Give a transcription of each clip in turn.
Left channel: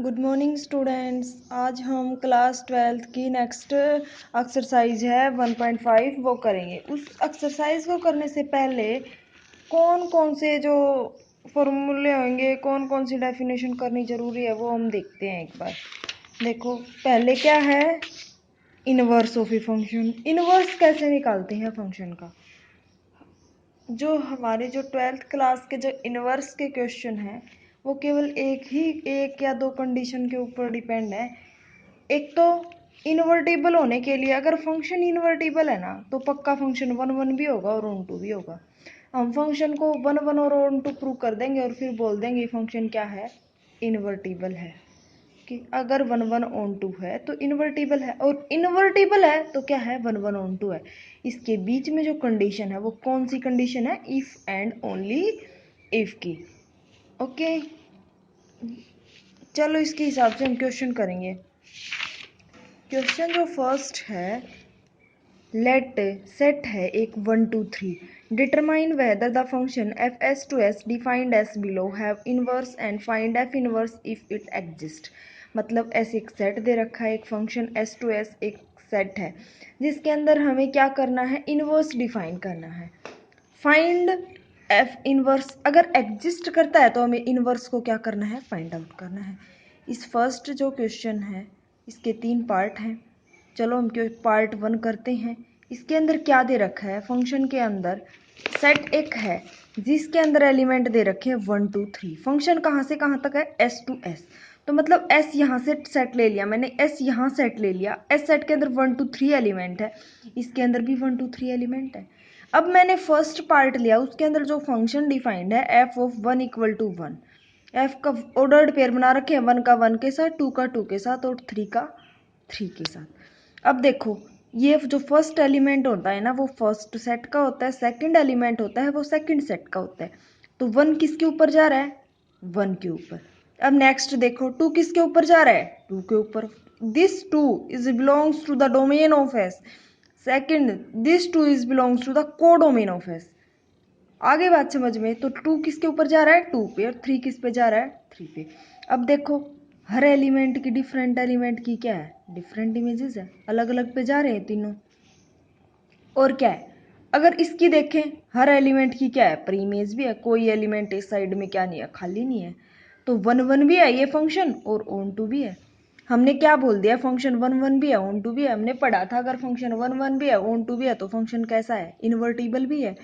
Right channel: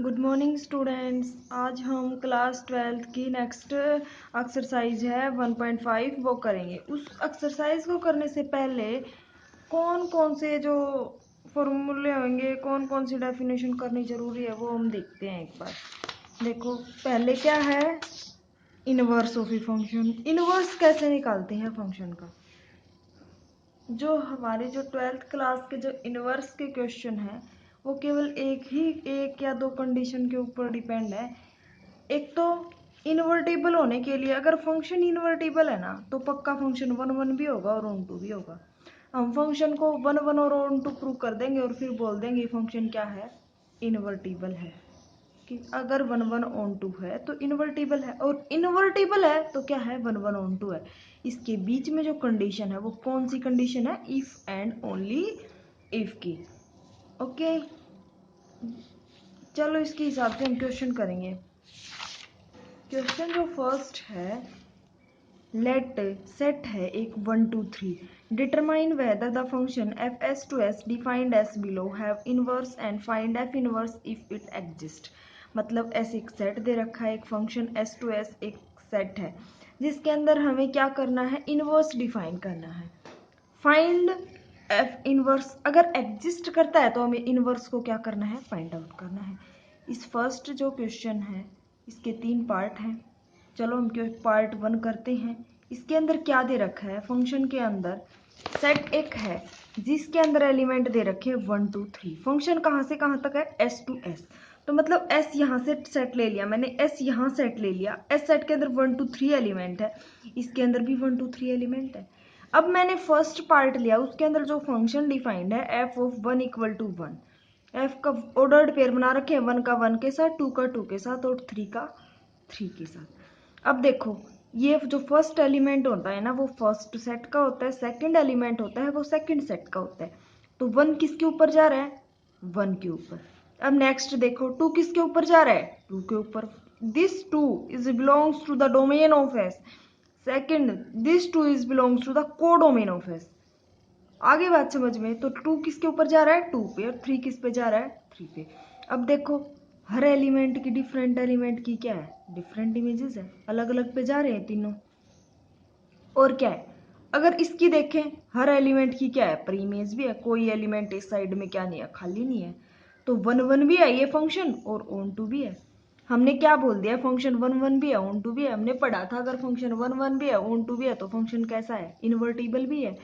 Good morning students. आज हम class 12th की नेक्स्ट एक्सरसाइज है 1.5 वो करेंगे। उस एक्सरसाइज को करने से पहले कौन कौन से जो फॉर्मूले होंगे, कौन कौन सी डेफिनेशन करनी ज़रूरी है वो हम देखते हैं एक बार। देखो पहले क्या है, inverse of a function. Inverse कैसे निकालते हैं फंक्शन का? जो हमारे जो 12th क्लास के जो इनवर्स के क्वेश्चन हैं वो केवल एक या दो कंडीशन के ऊपर डिपेंड है। एक तो इन्वर्टिबल होने के लिए, अगर फंक्शन इन्वर्टिबल है ना तो पक्का फंक्शन 1 1 भी होगा और ऑन टू भी होगा। हम फंक्शन को 1 1 और ऑन टू प्रूव कर देंगे और फिर बोल देंगे फंक्शन क्या है, इन्वर्टिबल है। कि अगर 1 1 ऑन टू है तो इन्वर्टिबल है, और इन्वर्टिबल है तो क्या है, 1 1 ऑन टू है। इसके बीच में जो कंडीशन है वो कौन सी कंडीशन है, इफ एंड ओनली इफ की। ओके, चलो इसके हिसाब से हम क्वेश्चन करेंगे। क्वेश्चन जो फर्स्ट है, लेट सेट है एक 1 2 3, determine whether the function f s to s defined s below have inverse and find f inverse if it exist. मतलब ऐसे एक सेट दे रखा है, एक फंक्शन एस टू एस एक सेट है जिसके अंदर हमें क्या करना है, इनवर्स डिफाइन करना है। फाइंड एफ इनवर्स, अगर एग्जिस्ट करता है तो हमें इनवर्स को क्या करना है, फाइंड आउट करना है। इस फर्स्ट जो क्वेश्चन है इसके 3 पार्ट हैं। चलो हम पार्ट 1 करते हैं। इसके अंदर क्या दे रखा है, फंक्शन के अंदर सेट एक है जिसके अंदर एलिमेंट दे रखे हैं 1 2 3। फंक्शन कहाँ से कहाँ तक है, एस टू एस। तो मतलब एस यहाँ से सेट ले लिया मैंने, एस यहाँ सेट ले लिया, एस सेट के अंदर 1 2 3 एलिमेंट है, इसके अंदर भी 1 2 3 एलिमेंट है। अब मैंने फर्स्ट पार्ट लिया, उसके अंदर जो फंक्शन डिफाइंड है f of 1 equal to 1। F का ऑर्डर्ड पेयर बना रखे हैं, 1 का 1 के साथ, 2 का 2 के साथ और 3 का 3 के साथ। अब देखो ये जो फर्स्ट एलिमेंट होता है ना वो फर्स्ट सेट का होता है, सेकंड एलिमेंट होता है वो सेकंड सेट का होता है। तो 1 किसके ऊपर जा रहा है, 1 के ऊपर। अब नेक्स्ट देखो 2 किसके ऊपर जा रहा है, 2 के ऊपर। This 2 is belongs to the domain of s. Second, this 2 is belongs to the codomain of s. आगे बात समझ में? तो 2 किसके ऊपर जा रहा है, 2 पे, और 3 किस पे जा रहा है, 3 पे। अब देखो हर एलिमेंट की, डिफरेंट एलिमेंट की क्या है, डिफरेंट इमेजेस है, अलग अलग पे जा रहे हैं तीनों। और क्या है, अगर इसकी देखें हर एलिमेंट की क्या है, प्री इमेज भी है, कोई एलिमेंट इस साइड में क्या नहीं है, खाली नहीं है। तो 1 1 भी है ये फंक्शन और ऑन टू भी है। हमने क्या बोल दिया, फंक्शन 1 1 भी है ऑन टू भी है। हमने पढ़ा था अगर फंक्शन 1 1 भी है ऑन टू भी है तो फंक्शन कैसा है, इन्वर्टिबल भी है।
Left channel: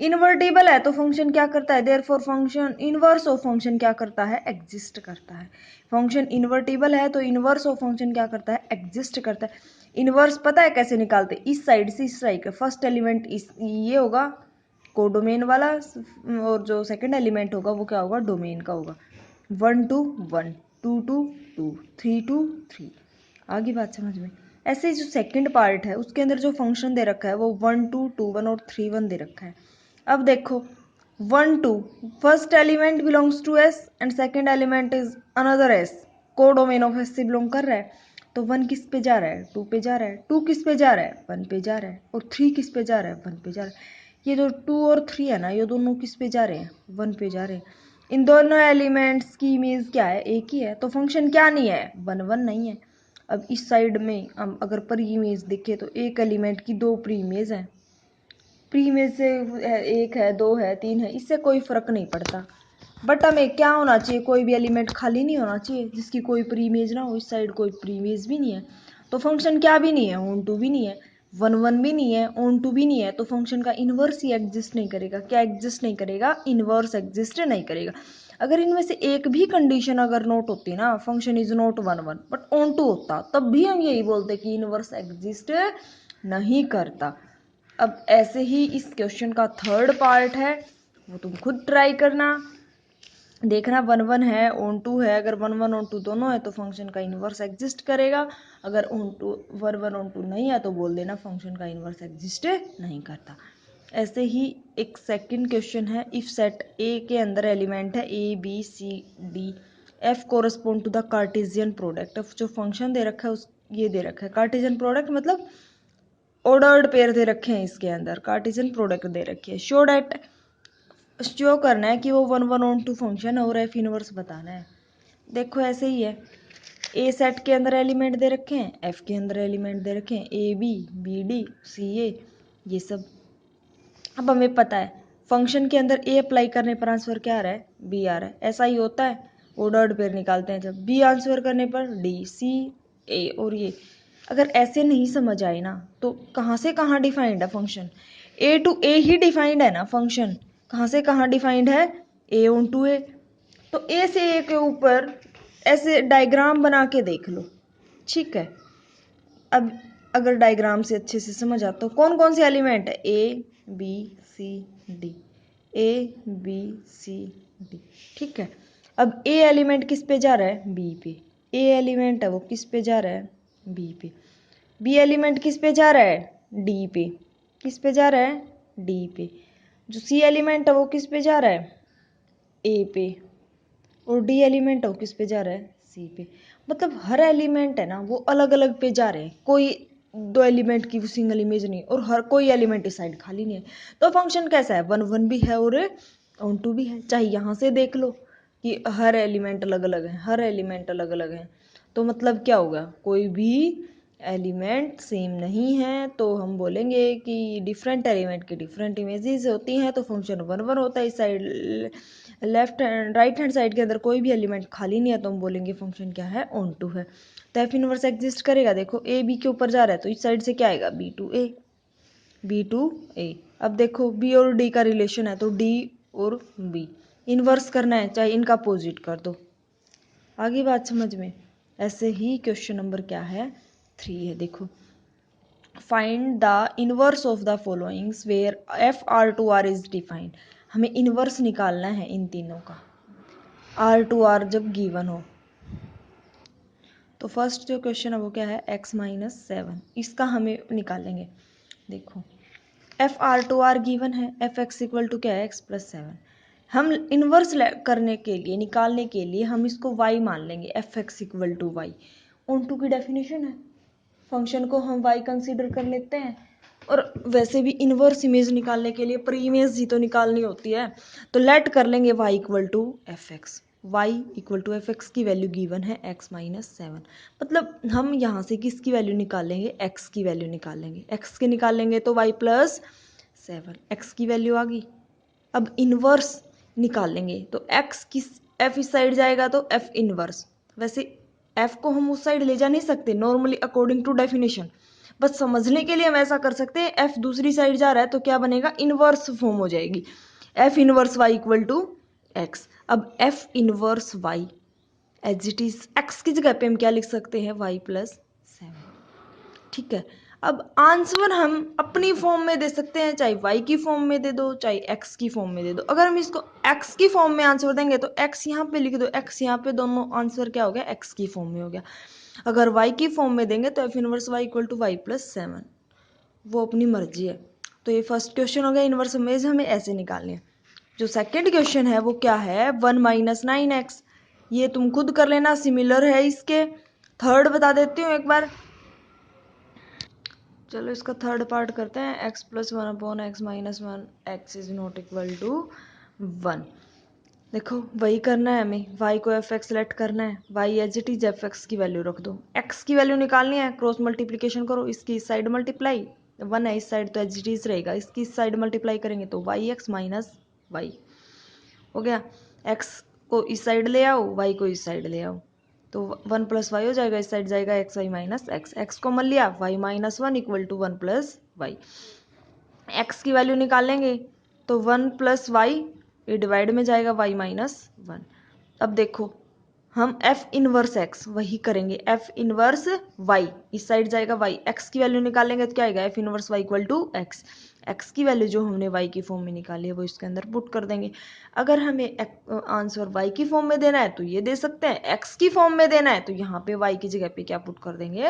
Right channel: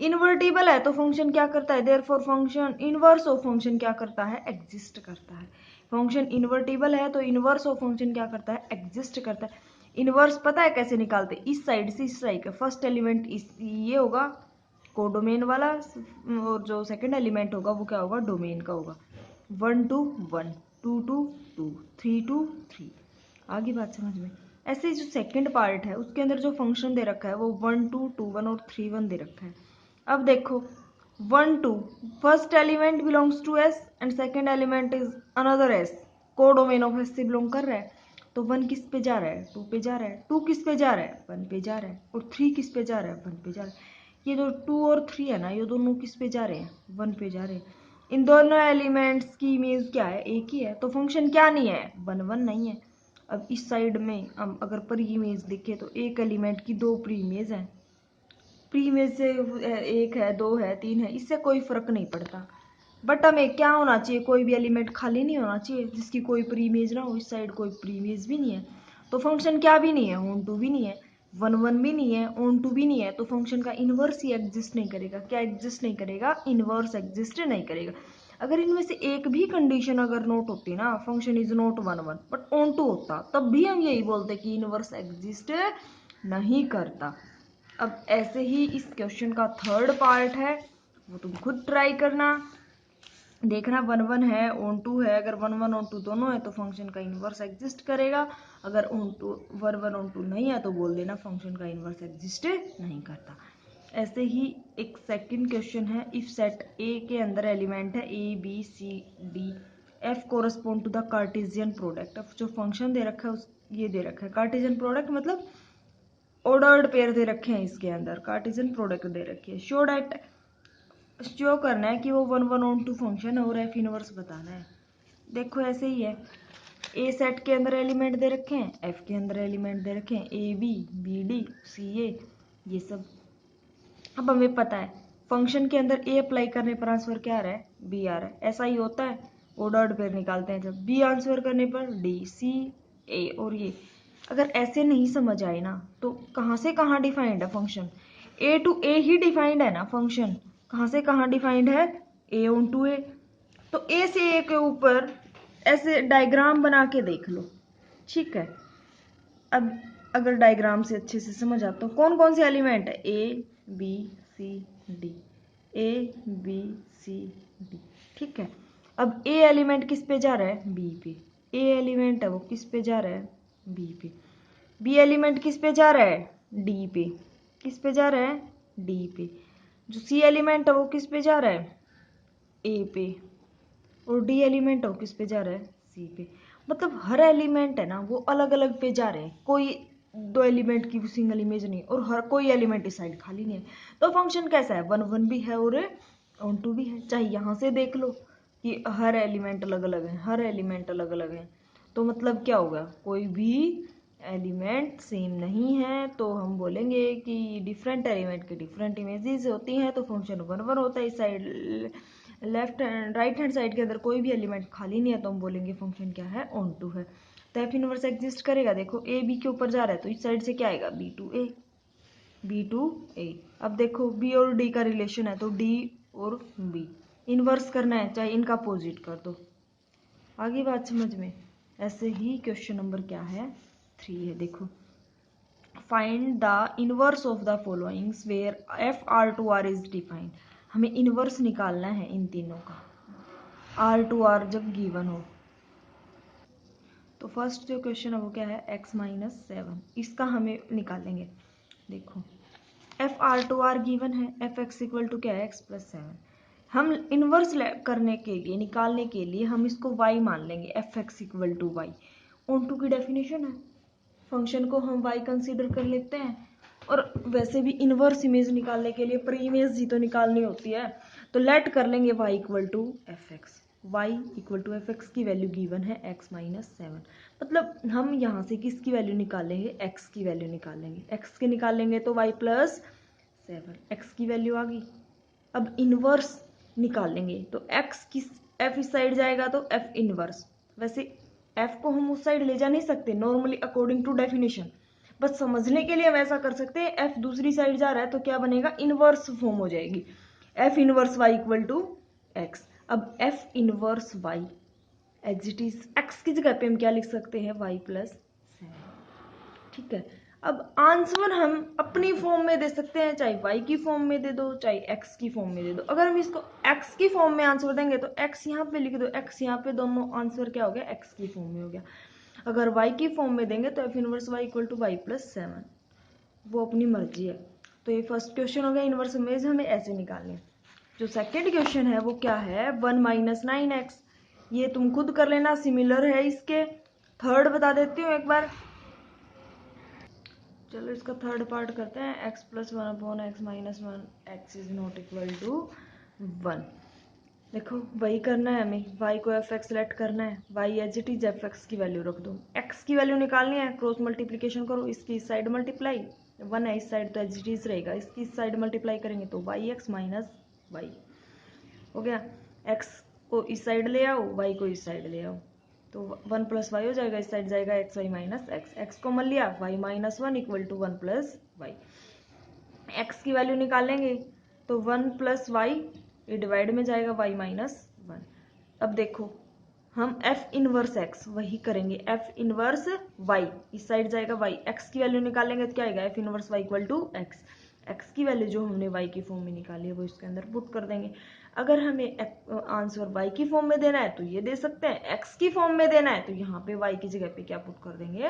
इन्वर्टिबल है तो फंक्शन क्या करता है, therefore function inverse of function क्या करता है, एग्जिस्ट करता है। फंक्शन इन्वर्टिबल है तो इनवर्स ऑफ फंक्शन क्या करता है, एग्जिस्ट करता है। इनवर्स पता है कैसे निकालते, इस साइड से इस साइड का फर्स्ट एलिमेंट इस ये होगा कोडोमेन वाला, और जो सेकंड एलिमेंट होगा वो क्या होगा, डोमेन का होगा। 1 2 1, 2 2 2, 3 2 3। आगे बात समझ में? ऐसे जो सेकंड पार्ट है उसके अंदर जो फंक्शन दे रखा है वो 1 2 2 1 और 3 1 दे रखा है। अब देखो 1 2, first element belongs to s and second element is another s, codomain of s से बिलोंग कर रहा है। तो 1 किस पे जा रहा है, 2 पे जा रहा है, 2 किस पे जा रहा है, 1 पे जा रहा है, और 3 किस पे जा रहा है, 1 पे जा रहा है। ये जो 2 और 3 है ना ये दोनों किस पे जा रहे हैं, 1 पे जा रहे हैं। इन दोनों एलिमेंट्स की इमेज क्या है, एक ही है, तो फंक्शन क्या नहीं है, 1 1 नहीं है। अब इस साइड में हम अगर प्री इमेज देखें तो एक एलिमेंट की 2 प्री इमेज है, प्री इमेज से 1 है, 2 है, 3 है, इससे कोई फर्क नहीं पड़ता। बट हमें क्या होना चाहिए, कोई भी एलिमेंट खाली नहीं होना चाहिए जिसकी कोई प्री इमेज ना हो। इस साइड कोई प्री इमेज भी नहीं है तो फंक्शन क्या भी नहीं है, ऑन टू भी नहीं है, 1 1 भी नहीं है, ऑन टू भी नहीं है, तो फंक्शन का इनवर्स ही एग्जिस्ट नहीं करेगा। क्या एग्जिस्ट नहीं करेगा, इनवर्स एग्जिस्ट नहीं करेगा। अगर इनमें से एक भी कंडीशन अगर नोट होती ना, function is not 1 1 but onto होता, तब भी हम यही बोलते कि इनवर्स एग्जिस्ट नहीं करता। अब ऐसे ही इस क्वेश्चन का थर्ड पार्ट है वो तुम खुद ट्राई करना, देखना 1 1 है ऑन टू है, अगर 1 1 ऑन टू दोनों है तो फंक्शन का इन्वर्स एग्जिस्ट करेगा। अगर ऑन टू 1 1 ऑन टू नहीं है तो बोल देना फंक्शन का इन्वर्स एग्जिस्ट नहीं करता। ऐसे ही एक सेकंड क्वेश्चन है, इफ सेट ए के अंदर एलिमेंट है A B C D, f correspond to the cartesian product. जो फंक्शन दे रखा है उस ये दे रखा है कार्टेशियन प्रोडक्ट, मतलब ऑर्डर्ड पेयर दे रखे हैं, इसके अंदर कार्टेशियन प्रोडक्ट दे रखी है। शो डैट, शो करना है कि वो 1 1 ऑन टू फंक्शन और एफ इनवर्स बताना है। देखो ऐसे ही है, ए सेट के अंदर एलिमेंट दे रखे हैं, एफ के अंदर एलिमेंट दे रखे हैं, ए बी, बी डी, सी ए, ये सब। अब हमें पता है फंक्शन के अंदर ए अप्लाई करने पर आंसर क्या आ रहा है, बी आ रहा है। ऐसा ही होता है, वो डॉट पेयर निकालते हैं जब, बी आंसर करने पर डी, सी, ए। और ये अगर ऐसे नहीं समझ आए ना तो कहाँ से कहाँ डिफाइंड है फंक्शन, ए टू ए ही डिफाइंड है ना फंक्शन, कहाँ से कहाँ डिफाइंड है, ए ऑन टू ए। तो ए से ए के ऊपर ऐसे डायग्राम बना के देख लो, ठीक है। अब अगर डायग्राम से अच्छे से समझ आता हो कौन कौन से एलिमेंट है, A B C D, A B C D, ठीक है। अब ए एलिमेंट किस पे जा रहा है, बी पे, ए एलिमेंट है वो किस पे जा रहा है, बी पे, बी एलिमेंट किस पे जा रहा है, डी पे, किस पे जा रहा है, डी पे, जो सी एलिमेंट है वो किस पे जा रहा है, ए पे, और डी एलिमेंट है वो किस पे जा रहा है, सी पे। मतलब हर एलिमेंट है ना वो अलग अलग पे जा रहे हैं, कोई दो एलिमेंट की सिंगल इमेज नहीं, और हर कोई एलिमेंट इस साइड खाली नहीं है। तो फंक्शन कैसा है, वन वन भी है और ऑन टू भी है। चाहे यहाँ से देख लो कि हर एलिमेंट अलग अलग है, हर एलिमेंट अलग अलग है, तो मतलब क्या होगा, कोई भी एलिमेंट सेम नहीं है, तो हम बोलेंगे कि डिफरेंट एलिमेंट की डिफरेंट इमेजेस होती हैं, तो फंक्शन वन वन होता है। इस side left hand right hand side के अंदर कोई भी एलिमेंट खाली नहीं है, तो हम बोलेंगे फंक्शन क्या है, ऑन टू है। तो एफ इनवर्स एग्जिस्ट करेगा। देखो ए बी के ऊपर जा रहा है तो इस साइड से क्या आएगा, B two A, B two A. अब देखो बी और डी का रिलेशन है तो डी और बी इनवर्स करना है, चाहे इनका अपोजिट कर दो। आगे बात समझ में। ऐसे ही क्वेश्चन नंबर क्या है, 3 है। देखो, find the inverse of the followings where f R to R is defined. हमें इनवर्स निकालना है इन तीनों का, आर टू आर जब गिवन हो। तो फर्स्ट जो क्वेश्चन है वो क्या है, x माइनस 7, इसका हमें निकालेंगे। देखो f R to R given है, एफ एक्स इक्वल टू क्या है, x प्लस 7। हम इनवर्स करने के लिए, निकालने के लिए हम इसको y मान लेंगे, f x equal to y. Onto की डेफिनेशन है, फंक्शन को हम y कंसीडर कर लेते हैं। और वैसे भी इनवर्स इमेज निकालने के लिए प्री इमेज ही तो निकालनी होती है, तो लेट कर लेंगे y equal to f x. Y equal to f x की वैल्यू गिवन है x माइनस 7। मतलब हम यहाँ से किसकी वैल्यू निकालेंगे, x की वैल्यू निकालेंगे, x के निकालेंगे तो y प्लस 7, x की वैल्यू आ गई। अब इनवर्स निकालेंगे तो x किस, f इस साइड जाएगा तो f इनवर्स। वैसे f को हम उस साइड ले जा नहीं सकते नॉर्मली अकॉर्डिंग टू डेफिनेशन, बस समझने के लिए हम ऐसा कर सकते हैं, f दूसरी साइड जा रहा है तो क्या बनेगा, इनवर्स फॉर्म हो जाएगी, f inverse y equal to x। अब f inverse y as it is x की जगह पे हम क्या लिख सकते हैं, y प्लस 7, ठीक है। अब आंसर हम अपनी फॉर्म में दे सकते हैं, चाहे y की फॉर्म में दे दो चाहे x की फॉर्म में दे दो। अगर हम इसको x की फॉर्म में आंसर देंगे तो x यहाँ पे लिख दो, x यहाँ पे, दोनों आंसर क्या हो गया, x की फॉर्म में हो गया। अगर y की फॉर्म में देंगे तो f inverse y equal to y plus 7, वो अपनी मर्जी है। तो ये फर्स्ट क्वेश्चन हो गया, इनवर्स इमेज हमें ऐसे निकालनी है। जो सेकेंड क्वेश्चन है वो क्या है, 1 माइनस 9x, ये तुम खुद कर लेना, सिमिलर है इसके। थर्ड बता देती हूँ एक बार, चलो इसका थर्ड पार्ट करते हैं, x plus 1 upon x minus 1, x is not equal to 1। देखो वही करना है हमें, y को एफ एक्स सेलेक्ट करना है, y as it is f x की वैल्यू रख दो, x की वैल्यू निकालनी है, क्रॉस मल्टीप्लिकेशन करो, इसकी इस साइड मल्टीप्लाई, 1 है इस साइड तो एज इट इज रहेगा, इसकी इस साइड मल्टीप्लाई करेंगे तो वाई एक्स माइनस वाई हो गया। x को इस साइड ले आओ, y को इस साइड ले आओ, तो 1 प्लस वाई हो जाएगा, इस साइड जाएगा x y minus x, x को मन लिया, y minus 1 equal to 1 plus y. X की वैल्यू निकालेंगे तो 1 प्लस वाई, ये डिवाइड में जाएगा, वाई माइनस 1। अब देखो हम एफ इनवर्स एक्स वही करेंगे, एफ इनवर्स वाई इस साइड जाएगा, वाई एक्स की वैल्यू निकालेंगे तो क्या आएगा, f inverse y equal to x. X की वैल्यू जो हमने वाई की फॉर्म में निकाली है वो इसके अंदर पुट कर देंगे। अगर हमें आंसर वाई की फॉर्म में देना है तो ये दे सकते हैं, एक्स की फॉर्म में देना है तो यहाँ पे वाई की जगह पे क्या पुट कर देंगे,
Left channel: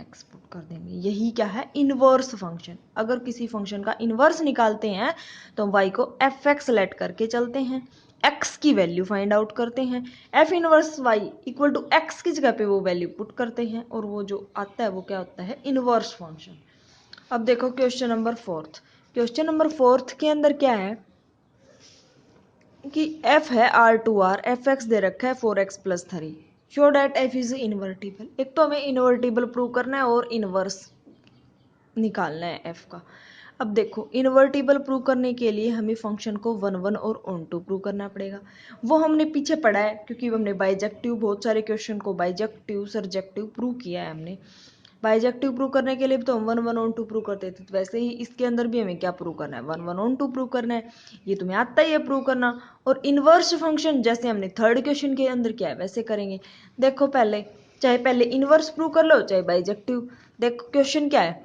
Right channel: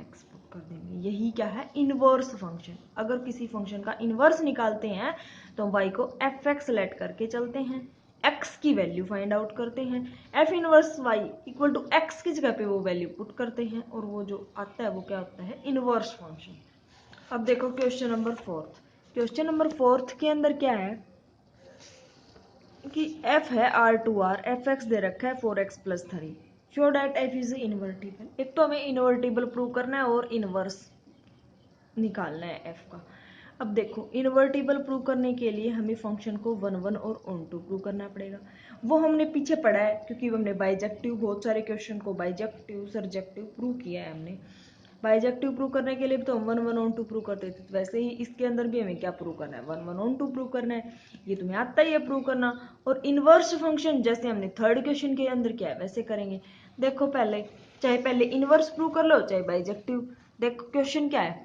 एक्स पुट कर देंगे। यही क्या है, इनवर्स फंक्शन। अगर किसी फंक्शन का इनवर्स निकालते हैं तो वाई को एफ एक्स सेलेक्ट करके चलते हैं, एक्स की वैल्यू फाइंड आउट करते हैं, f inverse y equal to x की जगह पे वो वैल्यू पुट करते हैं, और वो जो आता है वो क्या होता है, इनवर्स फंक्शन। अब देखो क्वेश्चन नंबर 4, क्वेश्चन नंबर 4 के अंदर क्या है, कि f है R2R, fx दे रखा है 4x+3। Show that f is invertible. एक तो हमें इन्वर्टिबल प्रूव करना है और इनवर्स निकालना है f का। अब देखो इन्वर्टिबल प्रूव करने के लिए हमें फंक्शन को 1 और ऑन टू प्रूव करना पड़ेगा। वो हमने पीछे पढ़ा है क्योंकि हमने बाइजेक्टिव बहुत सारे क्वेश्चन को बाइजेक्टिव सरजेक्टिव प्रूव किया है हमने। बाइजेक्टिव प्रूव करने के लिए भी तो हम 1 ऑन टू प्रूव करते थे, तो वैसे ही इसके अंदर भी हमें क्या प्रूव करना है 1 ऑन टू प्रूव करना है। ये तुम्हें आता ही है प्रूव करना। और इनवर्स फंक्शन जैसे हमने थर्ड क्वेश्चन के अंदर किया है वैसे करेंगे। देखो पहले चाहे पहले इनवर्स प्रूव कर लो चाहे बाइजेक्टिव। देखो क्वेश्चन क्या है,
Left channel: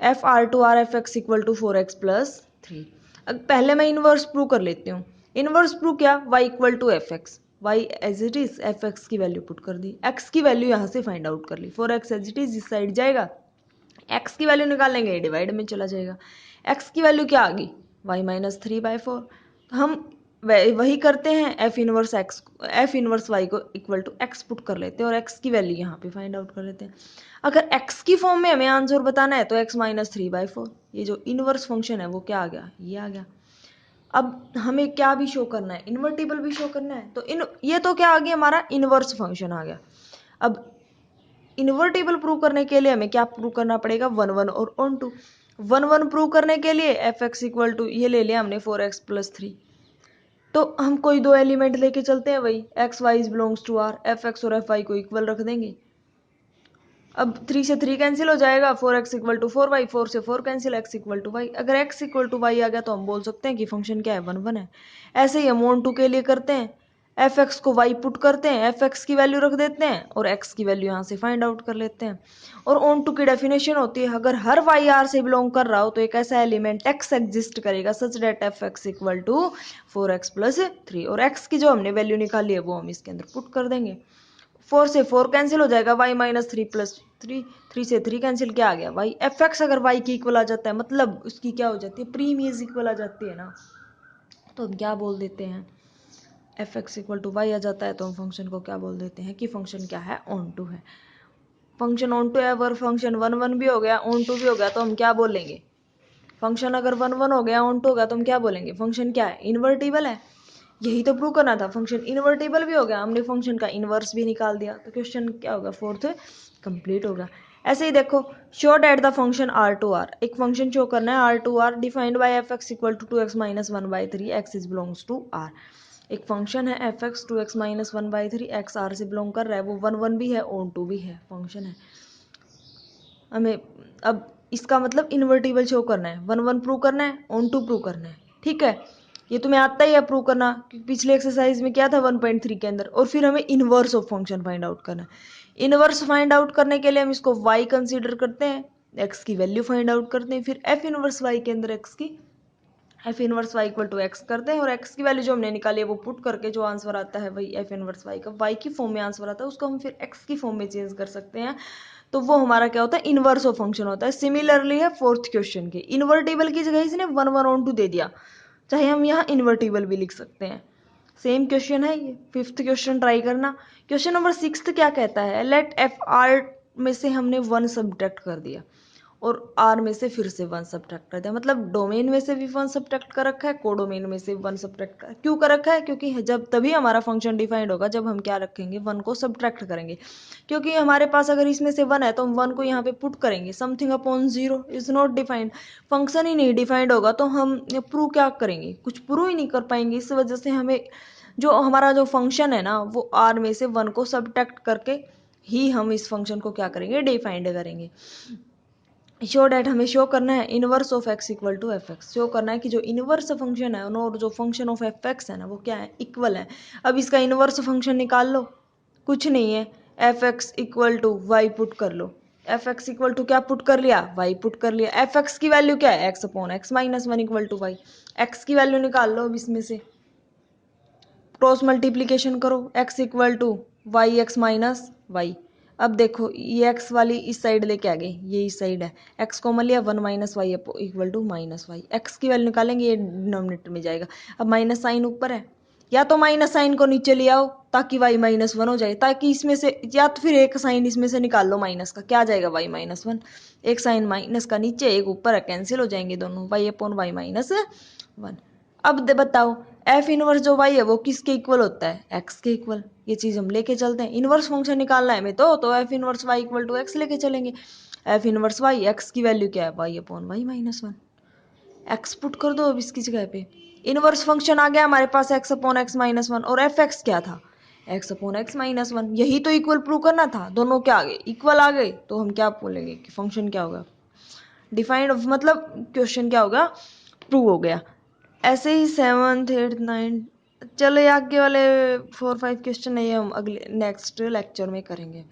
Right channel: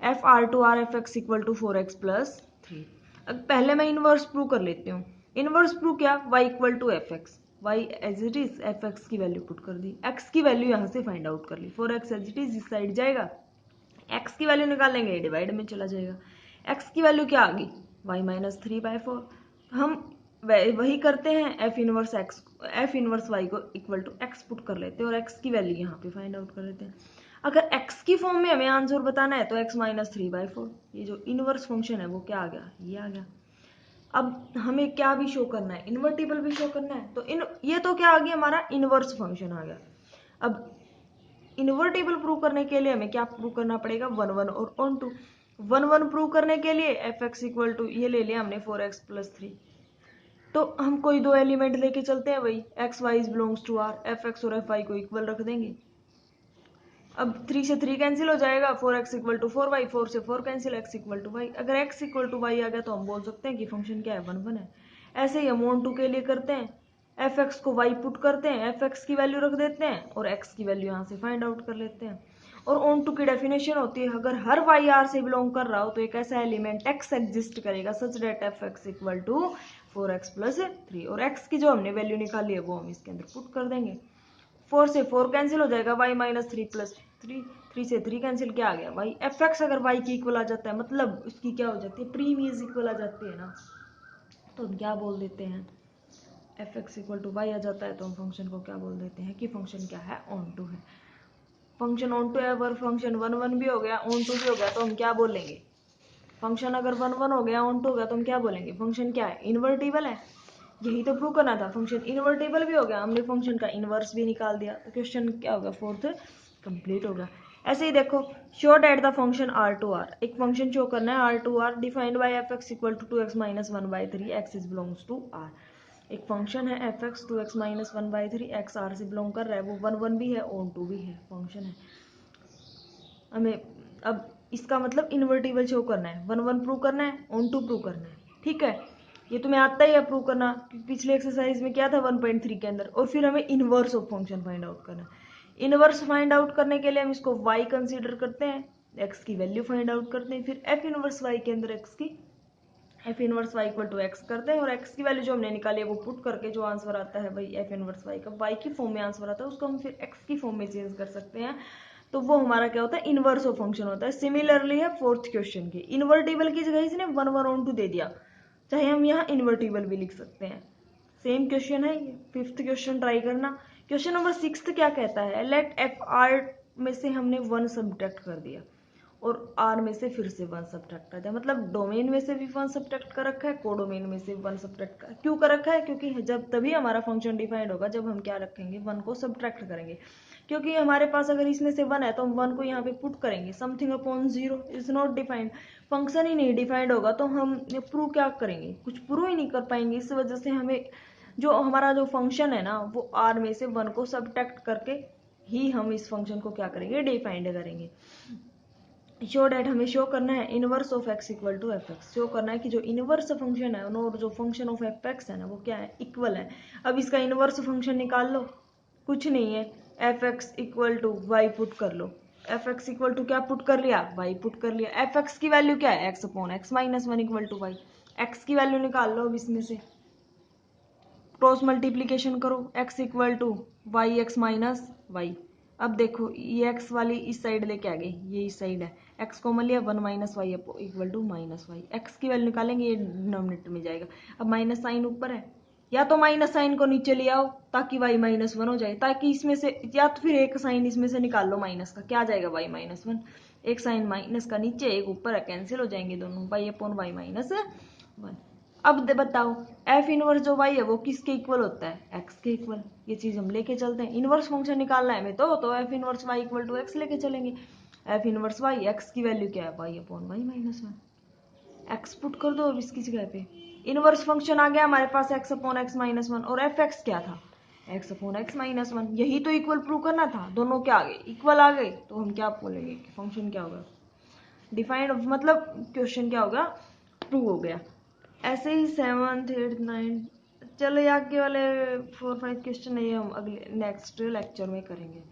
f R to R f x equal to 4x+3। अब पहले मैं इनवर्स प्रूव कर लेती हूँ। इनवर्स प्रूव क्या, y equal to f x, y as it is f x की वैल्यू पुट कर दी, x की वैल्यू यहाँ से फाइंड आउट कर ली, 4x एज इट इज इस साइड जाएगा, x की वैल्यू निकालेंगे डिवाइड में चला जाएगा, x की वैल्यू क्या आ गई y-3/4। हम वही करते हैं, एफ इनवर्स y को इक्वल टू x पुट कर लेते हैं और x की वैल्यू यहाँ पे फाइंड आउट कर लेते हैं। अगर x की फॉर्म में हमें आंसर बताना है तो x-3/4, ये जो इनवर्स फंक्शन है वो क्या आ गया, ये आ गया। अब हमें क्या भी शो करना है, इन्वर्टिबल भी शो करना है, तो ये तो क्या आ गया हमारा इनवर्स फंक्शन आ गया। अब इन्वर्टिबल प्रूव करने के लिए हमें क्या प्रूव करना पड़ेगा 1 और ऑन टू। 1 प्रूव करने के लिए एफ एक्स इक्वल टू ये ले लिया हमने 4x+3, तो हम कोई दो एलिमेंट लेके चलते हैं, वही x y belongs to R, f x और एफ वाई को इक्वल रख देंगे। अब 3 से 3 कैंसिल हो जाएगा, 4x इक्वल टू 4y, 4 से 4 cancel, x equal to y. अगर x इक्वल टू वाई आ गया तो हम बोल सकते हैं कि फंक्शन क्या है 1 है। ऐसे ही हम ऑन टू के लिए करते हैं, एफ एक्स को वाई पुट करते हैं, एफ एक्स की वैल्यू रख देते हैं और एक्स की वैल्यू यहाँ से फाइंड आउट कर लेते हैं। और ऑन टू की डेफिनेशन होती है, अगर हर वाई आर से बिलोंग कर रहा हो तो एक ऐसा एलिमेंट एक्स एग्जिस्ट करेगा such that F x equal to 4x+3, और एक्स की जो हमने वैल्यू निकाली है वो हम इसके अंदर पुट कर देंगे। 4 से 4 कैंसिल हो जाएगा, y-3+3, 3 से 3 कैंसिल, क्या आ गया y। एफ एक्स अगर y की इक्वल आ जाता है मतलब उसकी क्या हो जाती है, प्री इमेज इक्वल आ जाती है ना, तो हम क्या बोल देते हैं, F x equal to Y आ जाता है तो हम फंक्शन को क्या बोल देते हैं कि फंक्शन क्या है, ऑन टू है। फंक्शन ऑन टू है, अगर फंक्शन 1 भी हो गया ऑन टू भी हो गया तो हम क्या बोलेंगे, फंक्शन अगर 1 हो गया ऑन टू हो गया तो हम क्या बोलेंगे, फंक्शन क्या है, इन्वर्टिबल है। यही तो प्रूव करना था, फंक्शन इन्वर्टिबल भी हो गया, हमने फंक्शन का इन्वर्स भी निकाल दिया, तो क्वेश्चन क्या होगा, फोर्थ कंप्लीट होगा। ऐसे ही देखो, show that the function R2R, एक फंक्शन शो करना है R2R defined by f x equal to 2x-1/3 x is belongs to R। एक फंक्शन है f x 2x-1/3 x R से बिलोंग कर रहा है, वो 1 भी है ऑन टू भी है, फंक्शन है। हमें अब इसका मतलब इन्वर्टिबल शो करना है, 1 प्रूव करना है, ऑन टू प्रूव करना है, ठीक है। ये तुम्हें आता ही है प्रूव करना, पिछले एक्सरसाइज में क्या था 1.3 के अंदर। और फिर हमें inverse of function find out करना है। इनवर्स फाइंड आउट करने के लिए हम इसको y कंसीडर करते हैं, x की वैल्यू फाइंड आउट करते हैं, फिर f इनवर्स y के अंदर x की f inverse y equal to x करते हैं, और एक्स की वैल्यू जो हमने निकाली है वो पुट करके जो आंसर आता है वही एफ इनवर्स वाई का वाई की फॉर्म में आंसर आता है, उसको हम फिर एक्स की फॉर्म में चेंज कर सकते हैं, तो वो हमारा क्या होता है, इनवर्स ऑफ फंक्शन होता है। सिमिलरली है फोर्थ क्वेश्चन के, इन्वर्टिबल की जगह इसने 1 दे दिया, चाहे हम यहाँ इन्वर्टिबल भी लिख सकते हैं। सेम क्वेश्चन है ये, फिफ्थ क्वेश्चन ट्राई करना। क्वेश्चन नंबर 6 क्या कहता है, लेट एफ आर में से हमने 1 सब्ट्रैक्ट कर दिया और आर में से फिर से 1 सब्ट्रैक्ट कर दिया, मतलब डोमेन में से भी 1 सब्ट्रैक्ट कर रखा है, कोडोमेन में से 1 सब्ट्रैक्ट क्यों कर रखा है, क्योंकि जब तभी हमारा फंक्शन डिफाइंड होगा जब हम क्या रखेंगे 1 को सब्ट्रैक्ट करेंगे। क्योंकि हमारे पास अगर इसमें से 1 है तो हम 1 को यहाँ पे पुट करेंगे, something upon 0 is not defined, function ही नहीं डिफाइंड होगा तो हम प्रूव क्या करेंगे, कुछ प्रूव ही नहीं कर पाएंगे। इस वजह से हमें जो हमारा जो फंक्शन है ना वो आर में से 1 को सब्ट्रैक्ट करके ही हम इस फंक्शन को क्या करेंगे, डिफाइंड करेंगे। शो डैट हमें शो करना है inverse of x equal to f x, show करना है कि जो इनवर्स फंक्शन है और जो फंक्शन ऑफ एफ एक्स है ना वो क्या है, इक्वल है। अब इसका इनवर्स फंक्शन निकाल लो, कुछ नहीं है, f x equal to y put कर लो, एफ एक्स इक्वल टू क्या पुट कर लिया, वाई पुट कर लिया। एफ एक्स की वैल्यू क्या है, x upon x -1 equal to y, x की वैल्यू निकाल लो, अब इसमें से क्रॉस मल्टीप्लीकेशन करो, x equal to y x minus y. अब देखो ये x वाली इस साइड लेके आ गए, ये इस साइड है, x कॉमन लिया 1 - y equal to -y, x की वैल्यू निकालेंगे ये डिनोमिनेटर में जाएगा। अब माइनस साइन ऊपर है, या तो माइनस साइन को नीचे ले आओ ताकि y -1 हो जाए, ताकि इसमें से या तो फिर एक साइन इसमें से निकाल लो माइनस का, क्या आ जाएगा y -1, एक साइन माइनस का नीचे एक ऊपर है, कैंसिल हो जाएंगे दोनों, y अपॉन वाई -1। अब बताओ एफ इनवर्स जो वाई है वो किसके इक्वल होता है, एक्स के इक्वल। ये चीज हम लेके चलते हैं, इनवर्स फंक्शन निकालना है हमें तो f inverse y equal to x लेके चलेंगे। एफ इनवर्स वाई, एक्स की वैल्यू क्या है, y upon y minus one. X put कर दो अब इसकी जगह पे, इनवर्स फंक्शन आ गया हमारे पास X upon X minus one, और एफ एक्स क्या था, X upon X minus one. यही तो इक्वल प्रूव करना था, दोनों क्या आ गए, इक्वल आ गए, तो हम क्या बोलेंगे कि फंक्शन क्या होगा, डिफाइंड, मतलब क्वेश्चन क्या होगा, प्रूव हो गया। ऐसे ही 7th 8th 9th, चलो आगे वाले 4 5 क्वेश्चन है ये हम अगले नेक्स्ट लेक्चर में करेंगे।